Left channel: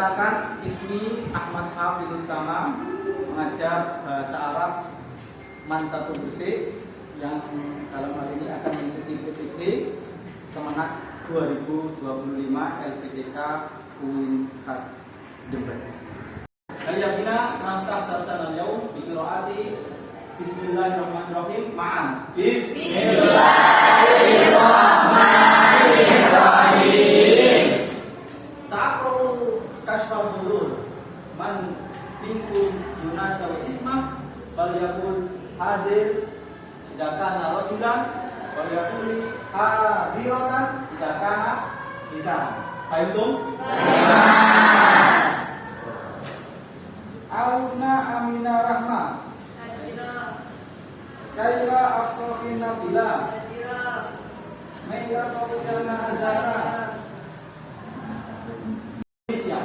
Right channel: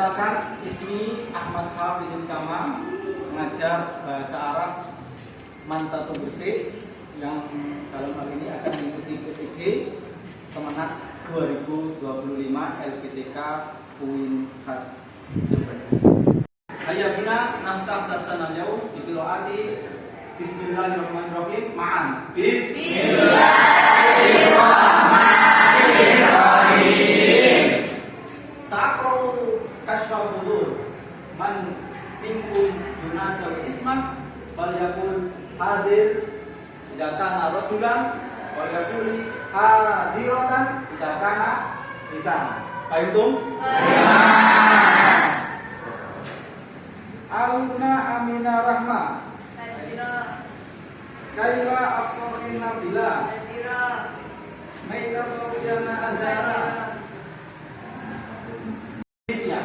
Perkenalkan, ismi Ahmad Hafidul Tama, mengajar bahasa Arab Man 1 Gresik, yang dalam hal ini akan mengikuti PTG Kemenak 2025 LPTK UIN Khas Jember. Hayya bina naftam darsan al-yaum bi qiraati Bismillahirrahmanirrahim. Ma'an. Bismillahirrahmanirrahim. Sa'aqra'u kashfal hudur. Man minkum yunadal isma fal yaqul hadir idza kana rajulan wal yaqul hadiratan idza kana nisan. Fahimtum? Alna amina rahma. Kaifa aqra'ina bila. Maida sawjana azara. Indonesia.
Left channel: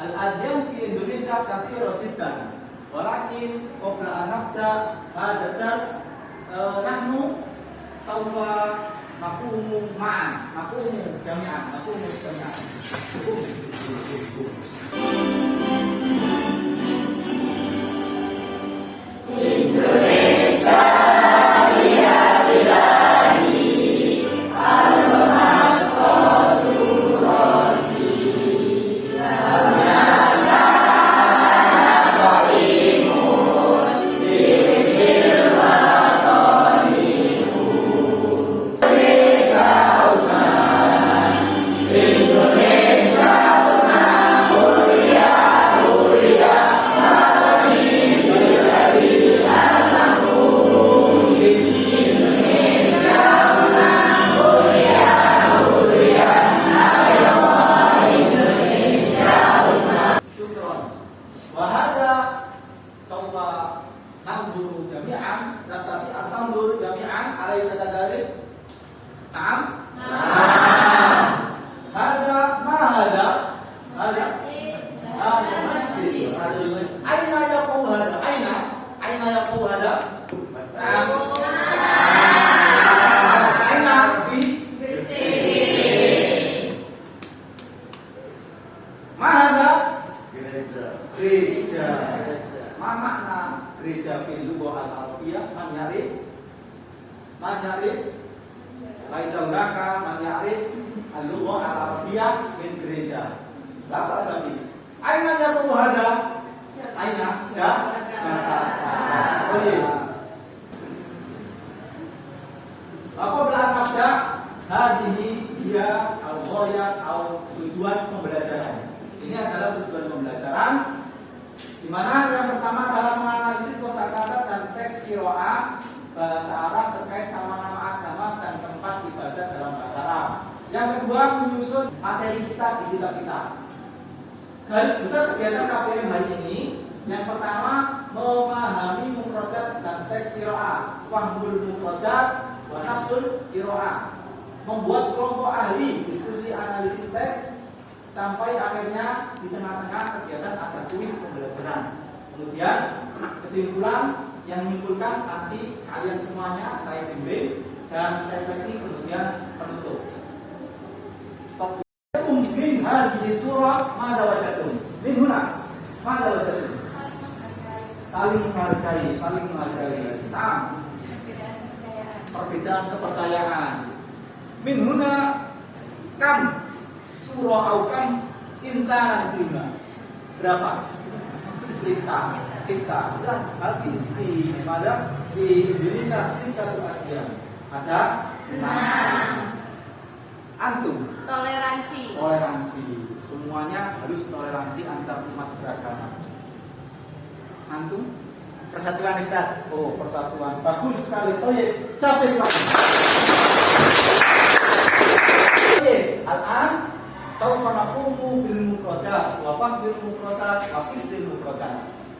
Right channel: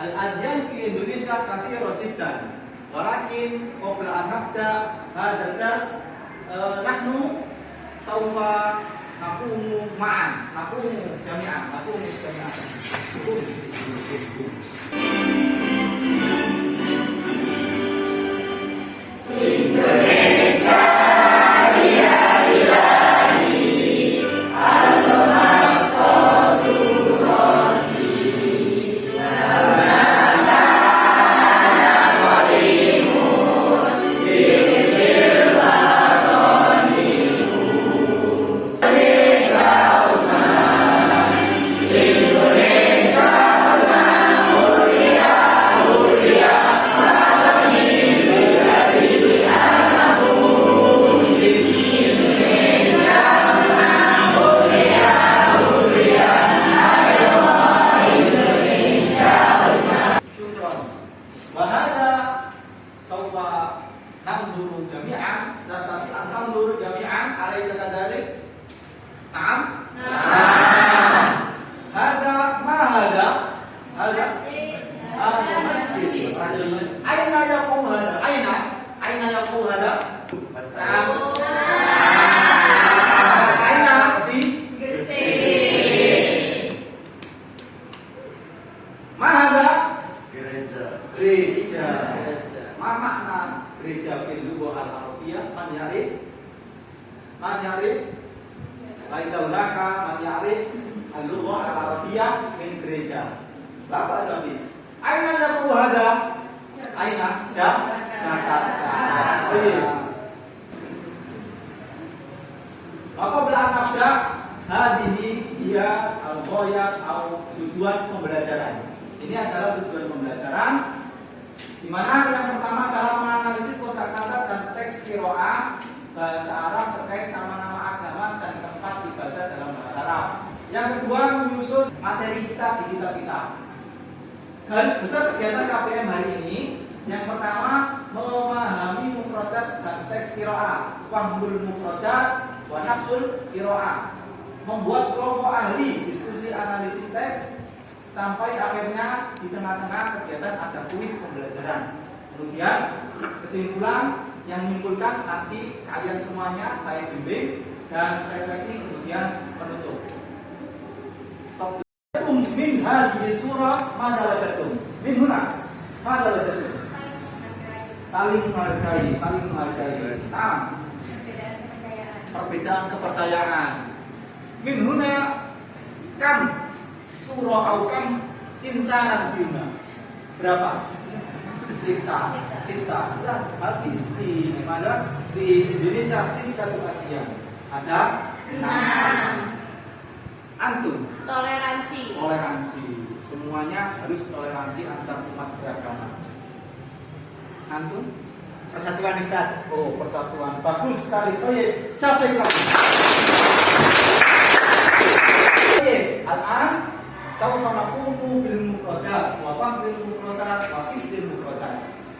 Al-adyan fi Indonesia katsira jiddan. Walakin qabla an nabda hadha dars nahnu sawfa naqumu ma'an. Naqumu jami'an. Gereja. Ma makna gereja fil lughah al-arabiyah? Man ya'rif laisa hunaka man ya'rif al-lughah al-arabiyah min gereja. Bapak Sabi, aina yabu hada? Aina? Jakarta. Oh iya. Maka belakang hadihi dia al-ghayat atau tujuan pembelajaran. Ini adalah tujuan pembelajaran, di mana yang pertama adalah menganalisis kosakata dan teks qiraah bahasa Arab terkait nama-nama agama dan tempat ibadah dalam bahasa Arab. Yang kedua, menyusun materi kita di kitab-kitab. Garis besar kegiatan KPM hari ini, yang pertama memahami mufradat dan teks qiraah, fahmul mufradat wa nasul qiraah, membuat kelompok ahli diskusi analisis teks, sampai akhirnya di tengah-tengah kegiatan ada kuis pembelajaran. Kemudian kesimpulan yang menyimpulkan nanti kalian semuanya saya bimbing, dan refleksi kemudian penutup. Min hadhihi surah madza wajadtum. Min huna madza wajadtum. Saling menghargai. Perbedaan kepercayaan. Min huna kam surah aukam insanan fina. Berapa? Cinta. Dan hati di mana di Indonesia cinta itu artinya ada 6. Antum toleransi. Semuanya harus toleransi antar umat beragama. Antum persatuan Ustaz. Oh, persatuan. Bagus sekali. Oh iya, capek lagi. Al-an sawfa naqumu bil mufradat wa fahmil mufradat wa qisdil mufradat.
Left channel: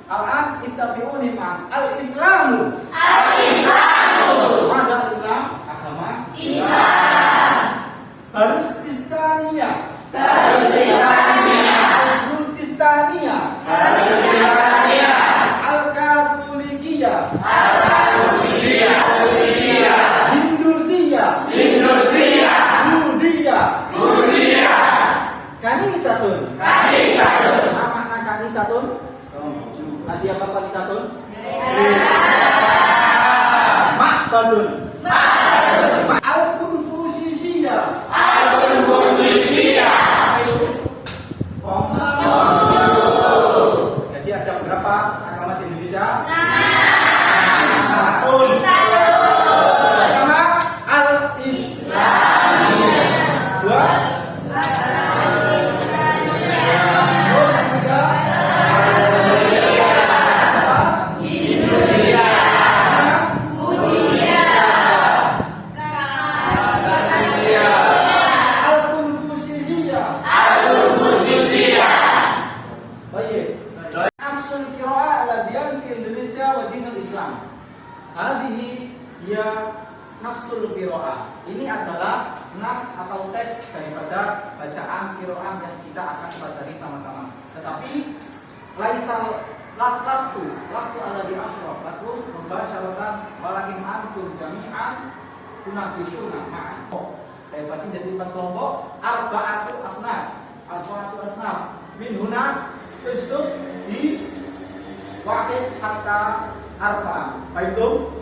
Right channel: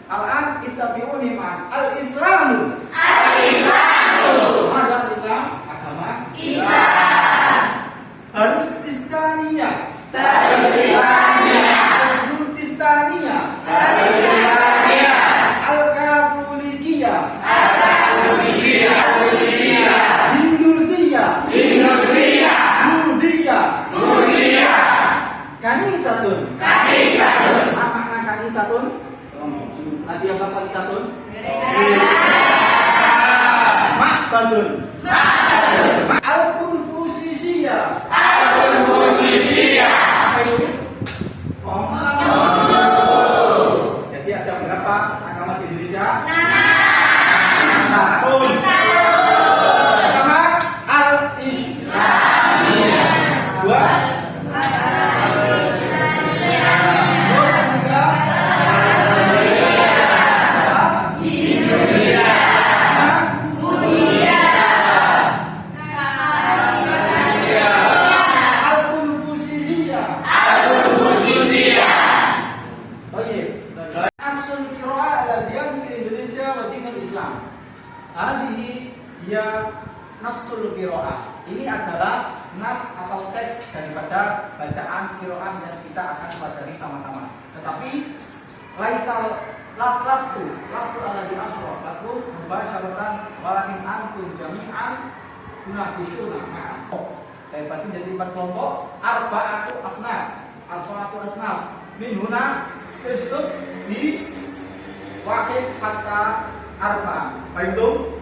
Al-an ittabi'uni ma'an al-islamu. Mana Islam? Agama Islam. Harus Kristiania. Al-Katolikiyah. Hindusia. Buddhia. Kanisatun. Satun? Nadia Bapak Satun? Makbadun. Al-Konfusisia. Jadi ada berapa agama di Indonesia? Agama Al-Islam. Dua. Nasul qiraah. Ini adalah nas atau teks daripada bacaan qiraah yang kita akan pelajari sama-sama. Tetapi laisal lastu alladhi asyraf lakum mubasyaratan walakin antum jami'an tunabishuna ma'an. Saya bagi jadi 4 kelompok, arba'atu asnaf. Min huna tersebut di waqid hatta arba. Baiklah.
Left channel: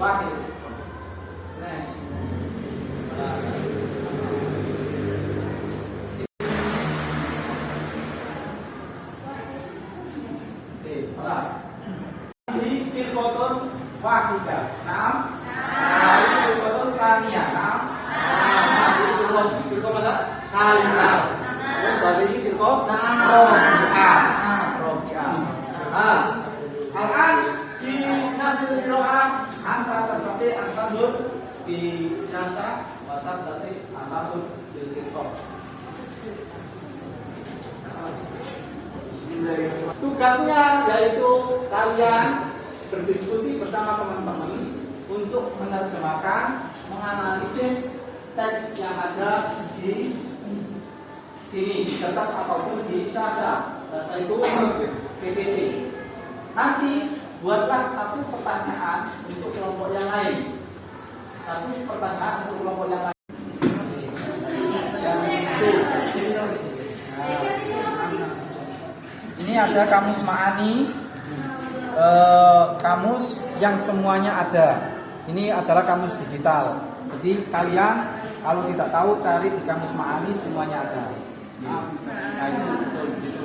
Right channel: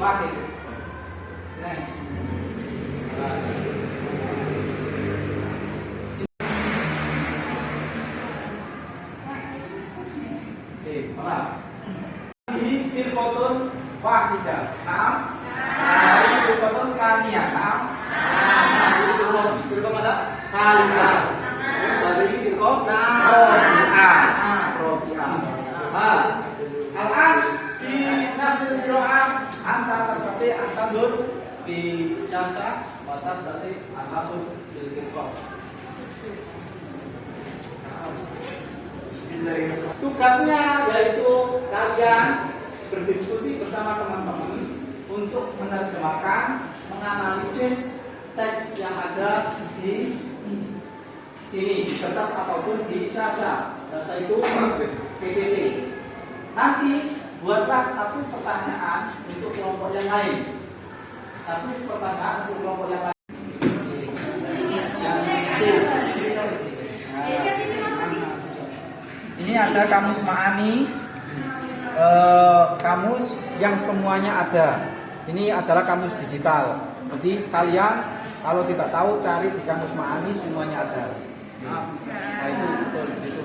Wahid. Next. Pelas. Ini firqatun wahidah. Naam. Ini firqatun tsaniyah. Naam. Ini firqah mana? Tsalitsah. Terus ini firqah rabi'ah. Al-an fi nasl qiraah anta tasabbi antadur di jasa batas tadi antadur bil firqah. Tugasnya yaitu kalian berdiskusi bersama teman-teman untuk menerjemahkan, menganalisis teks yang ada di sini, di kertas ataupun di jasa itu PPT. Nanti buatlah satu pertanyaan untuk kelompok yang lain. Satu pertanyaan untuk kelompok yang lain. Ini ada kamus Ma'ani, kamus yang semuanya ada. Ini adalah kamus digital. Jadi kalian kalau tidak tahu cari di kamus Ma'ani semuanya ada. Nah itu betul di situ.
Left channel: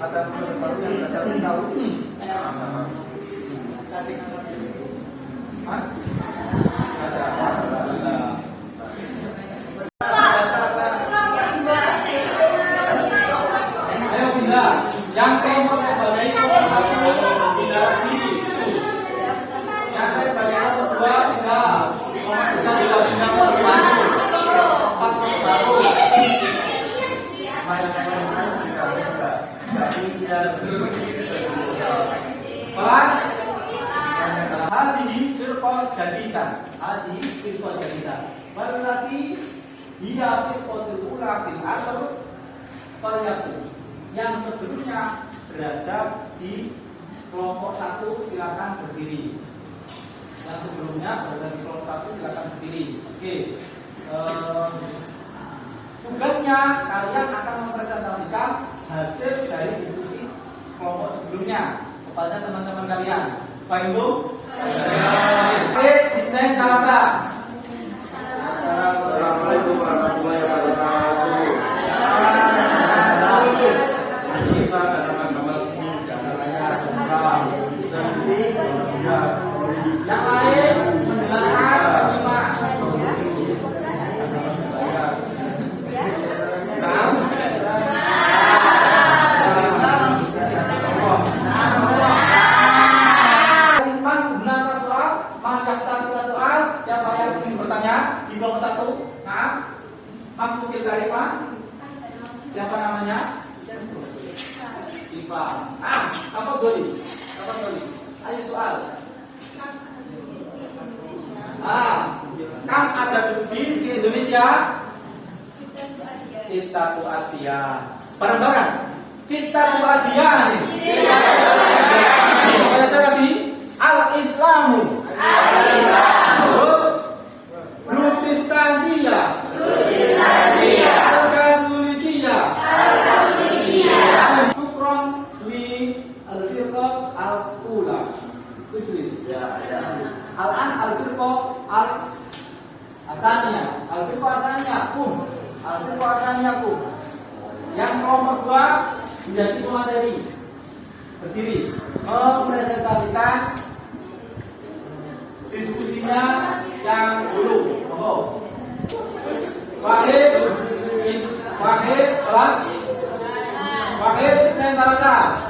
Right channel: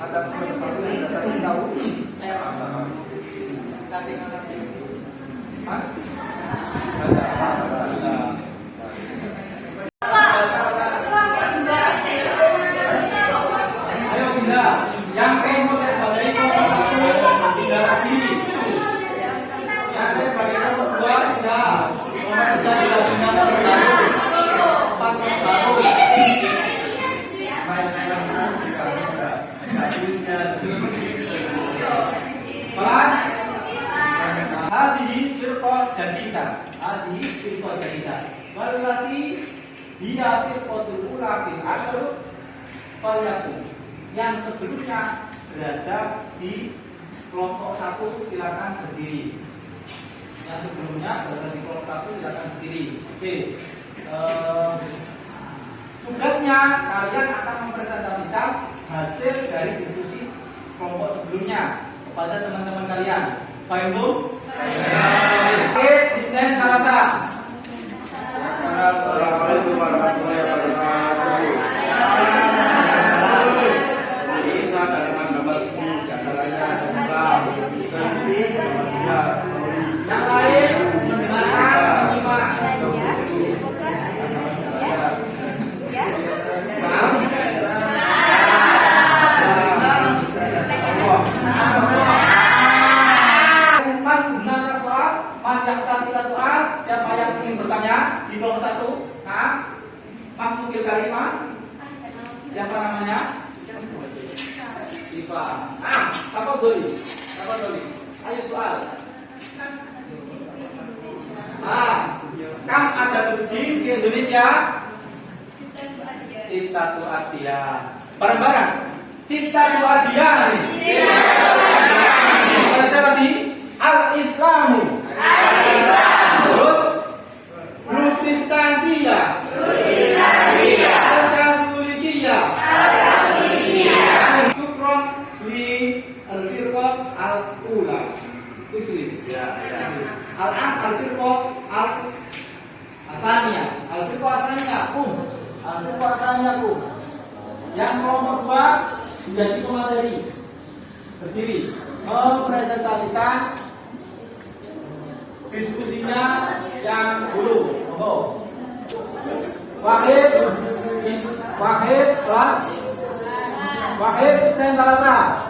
Ada baru yang dasar tahu. Ayo bunda, yang kelompok saya baca itu bunda ini. Yang saya baca itu dua bunda. Kita tidak bunda empat baru. Kelas hadihi firqah jadidah. Hadihi firqah jadidah. Wallati hiya firqatul ula fil asr falyakun. Yang sebelumnya berada di kelompok 1 silakan berdiri. Yang sebelumnya berada di kelompok 1 silakan berdiri. Oke. Tugasnya kalian akan mempresentasikan hasil dari diskusi kelompok sebelumnya kepada teman-teman kalian. Baik Bu? Oke, Isnen Salasa. Assalamualaikum warahmatullahi wabarakatuh. Ini ada gambar-gambar semua, diantaranya Islam, Islam, Yang lain kita soal. Siapa yang ingin bertanya di kelompok 1? Nah, Mas Mukil Karima. Siapa namanya? Iva. Apa Doli? Ayo soal. Kam ada di Indonesia? Sittatu adiyah. Bareng-bareng. Sittatu adiyah nih. Baca tadi al-Islamu. Terus Protestania. Al-Katolikiyah. Syukron li al-firqah al-ula. Tulis. Al-an al-firqah al-thaniyah. Al-firqah al-thaniyah kum. Yang kelompok 2 menjadi pemateri berdiri mempresentasikan diskusinya yang dulu. Wahid Isnan Talasa.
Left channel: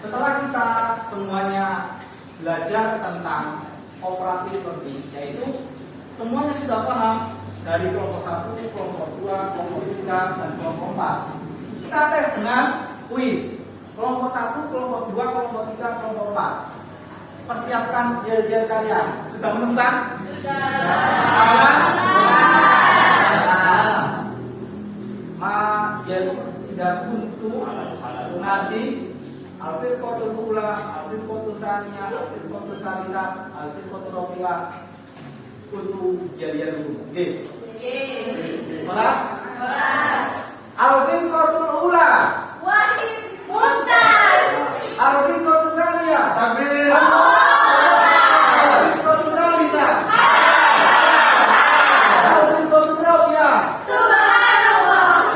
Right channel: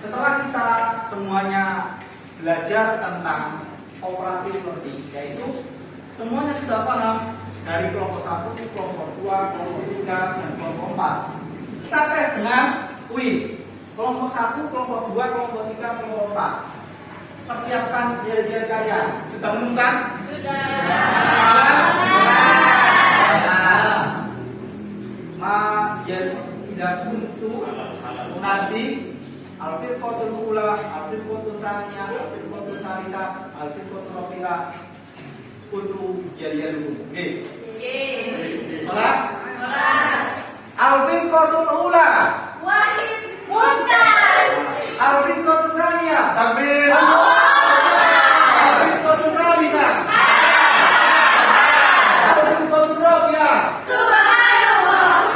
Setelah kita semuanya belajar tentang operatif learning, yaitu semuanya sudah paham dari kelompok 1, kelompok 2, kelompok 3, dan kelompok 4. Kita tes dengan kuis. Kelompok 1, kelompok 2, kelompok 3, kelompok 4. Persiapkan diri kalian. Sudah menemukan? Tidak buntu nanti al-firqatul ula, al-firqatul tsaniyah, al-firqatul tsalitsah, al-firqatul rabi'ah untuk jadian dulu. Oke. Kelas? Al-firqatul ula. Wahid Muntas. Al-firqatul tsaniyah. Takbir. Al-firqatul tsalitsah. Al-firqatul rabi'ah. Subhanallah.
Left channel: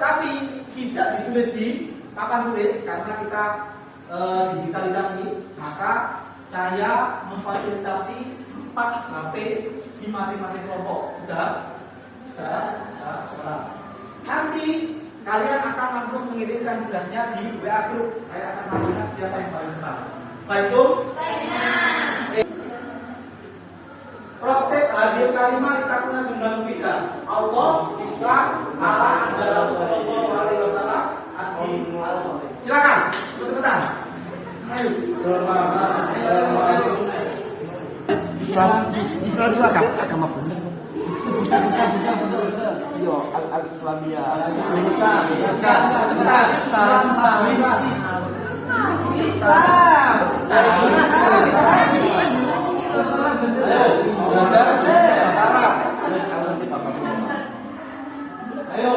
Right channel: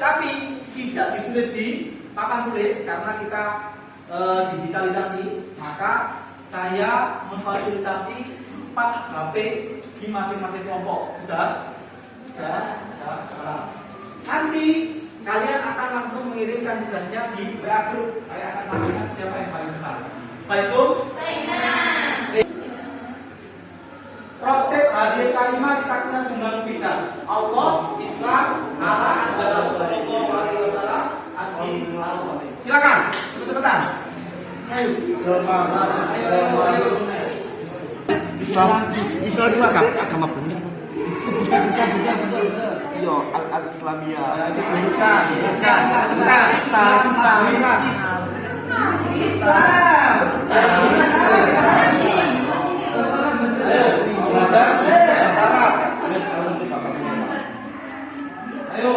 Tapi tidak ditulis di papan tulis karena kita digitalisasi, maka saya memfasilitasi 4 HP di masing-masing kelompok. Sudah? Nanti kalian akan langsung mengirimkan tugasnya di WA grup. Saya akan tanyakan siapa yang paling cepat. Baik itu? Praktek hadir kalimat takuna jumlah mufida. Allah, Islam, Allah, Anjala, Sallallahu Alaihi Wasallam, Adi, Allah. Silakan, cepetan. Ayo. Islam itu agama benar. Iya, al-Islamiyah. Bukan. Ayo,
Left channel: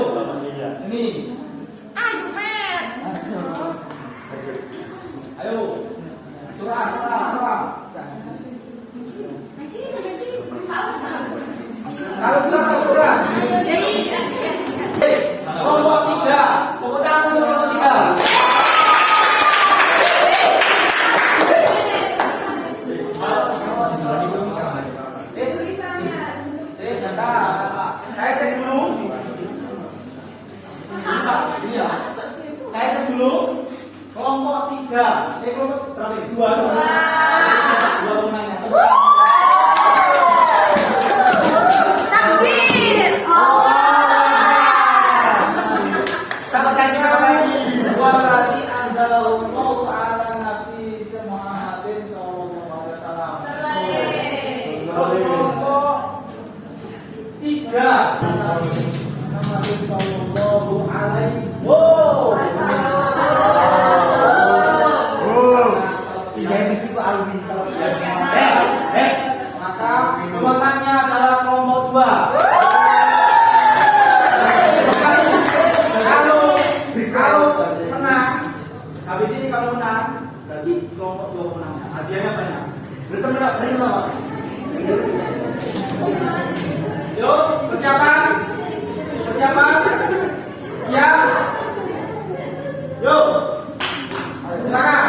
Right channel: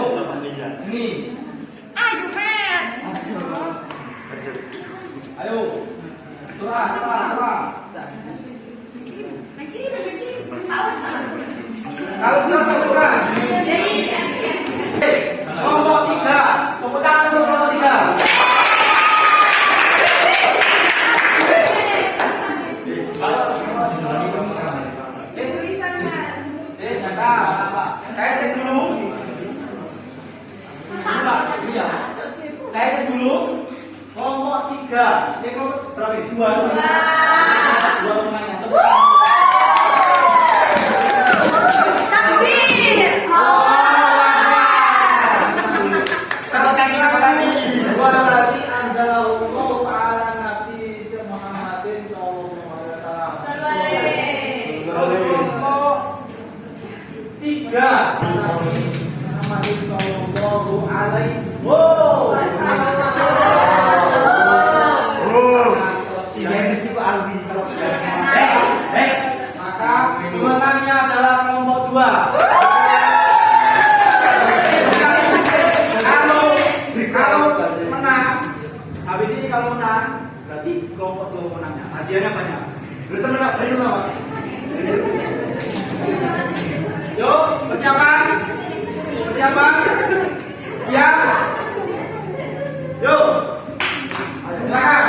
ini. Ayo, surah. Kalau surah. Kelompok 3, tepuk tangan untuk kelompok 3. Saya cek dulu. Iya. Saya cek dulu. Kelompok 3. Saya kelompok berapa ini? 2. 2 pemainnya. Takbir. Kalau kayak kita lagi. 2 lagi. anzalallahu ala nabi Muhammadin sallallahu alaihi wasallam. Kelompok 3 Muhammadin sallallahu alaihi Si Demis itu alumni kalau maka kemenangannya adalah kelompok 2. Kalau menang, habis ini kalau menang, berarti kelompok 2 menangnya. Hadiahnya banyak. berteman sama. Yuk, persiapan. Persiapan. Siap. Yuk. Silakan.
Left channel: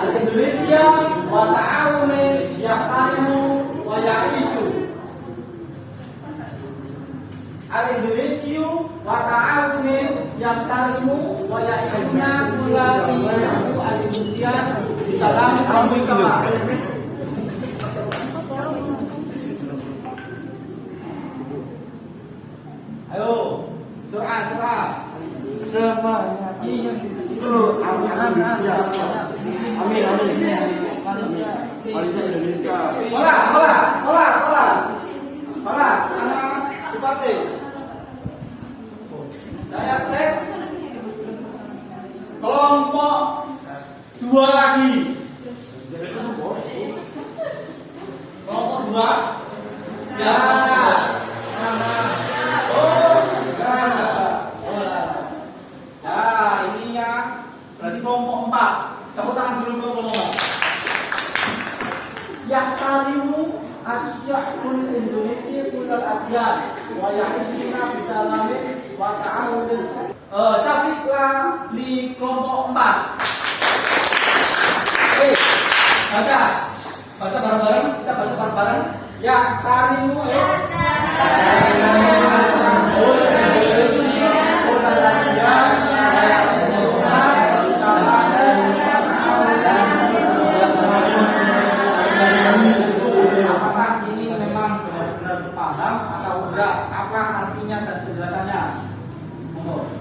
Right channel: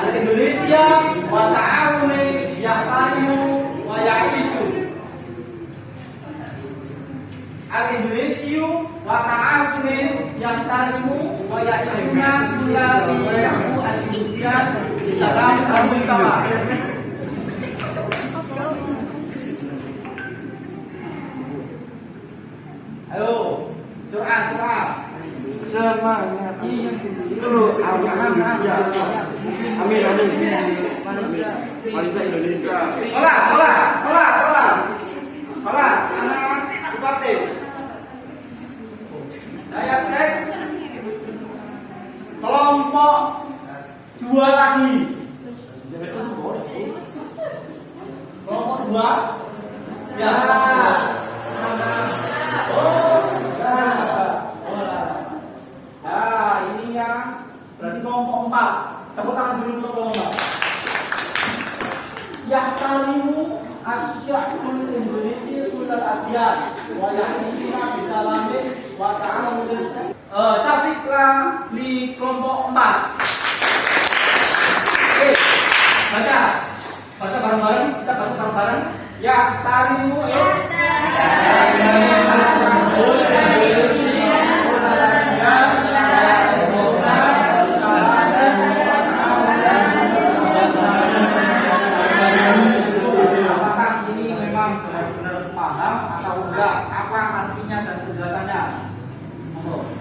Al-Indonesia wa ta'awuni ya'lamu wa ya'ishu. Al-Indonesia wa ta'awuni ya'lamu wa ya'ishuna ya al-Indonesia bisa kami kapal. Ayo, surah. Semangat. Itu Indonesia. Amin. Malaysia Indonesia. Salah. Anak Bupati. Saya cek kelompok 2 lagi. Kelompok 2. Ya. Ini ya. Berarti kelompok 4. Tepuk tangan dulu untuk kelompok 4. Yahtarimu asya'ul Indonesia kulal adyan wa ya'ishina bisalamin wa ta'amudin. Syafiqlah di kelompok 4. Oke, baca bareng-bareng. Kita baca bareng-bareng. Yahtarimu apakah ini memang benar-benar paham atau enggak? Apa artinya dan penjelasannya?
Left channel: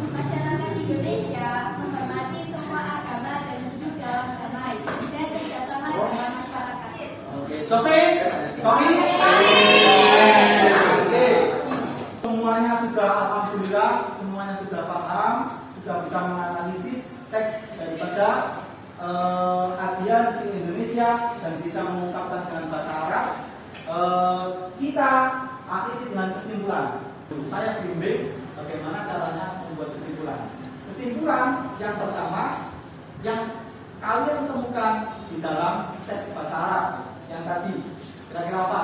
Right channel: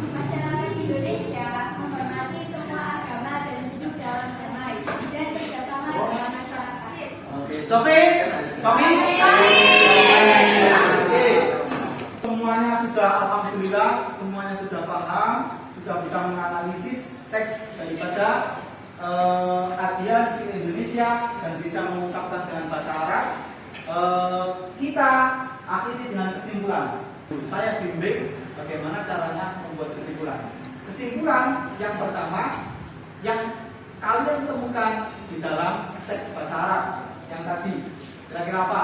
Masyarakat Indonesia menghormati semua agama dan hidup dalam damai dan kerjasama dalam masyarakat. Oke. Semuanya sudah alhamdulillah, semuanya sudah paham, sudah bisa menganalisis teks daripada kajian di Indonesia dan bisa mengungkapkan dengan bahasa Arab. Kita akhiri dengan kesimpulan. Saya bimbing bagaimana caranya membuat kesimpulan. Kesimpulan yang pertama yang kalian temukan di dalam teks bahasa Arab yang tadi kira-kira apa?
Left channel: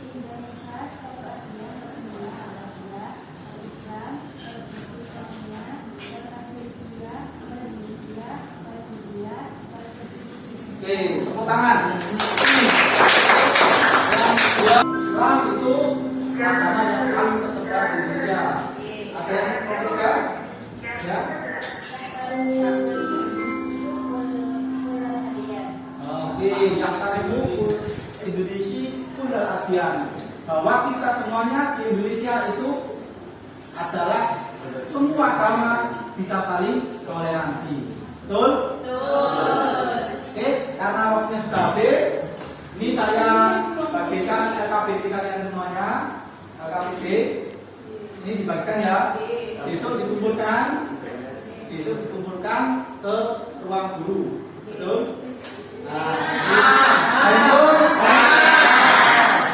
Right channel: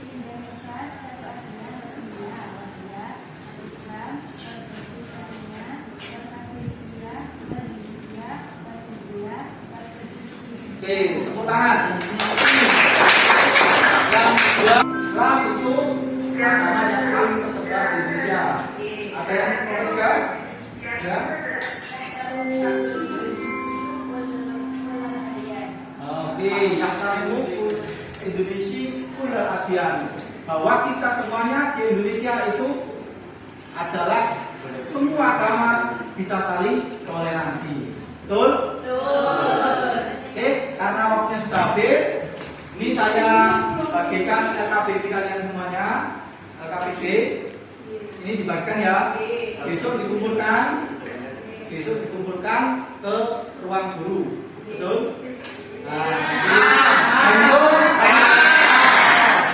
Indonesia satu aduan bersedia awalnya Islam berbudaya berkatoliknya berisya berbudaya berkatolik. Oke, tepuk tangan. Islam itu agama yang paling tersebar di Indonesia. Ada yang nomor 3? Ya. Oke, yang kalimu Indonesia kulal adyan. Bahwa kita semuanya di Indonesia itu adalah semua agama bisa saling toleransi. Betul? Oke, karena waktunya sudah habis, ini saya bagikan LKPD kalian semuanya. LKPD ini dibagikan ya. Besok dikumpulkan ke ruang guru. Betul?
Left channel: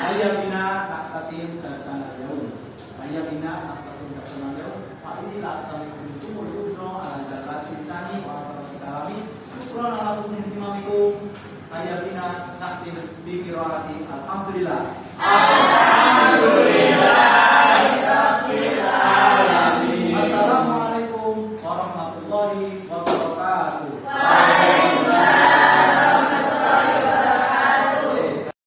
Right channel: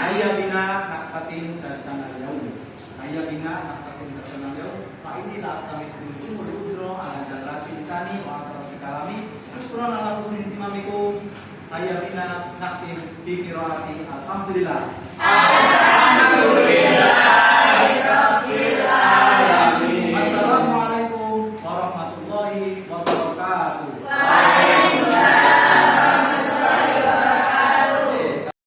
Ayah bina naktatin dan sana jauh. Ayah bina naktatin dan sana jauh. Pak inilah kami kumul udro ala jalati insani wa ala kalami. Syukron ala kumin timamikum. Ayah bina naktin di kirahati. Alhamdulillah. Assalamualaikum warahmatullahi wabarakatuh.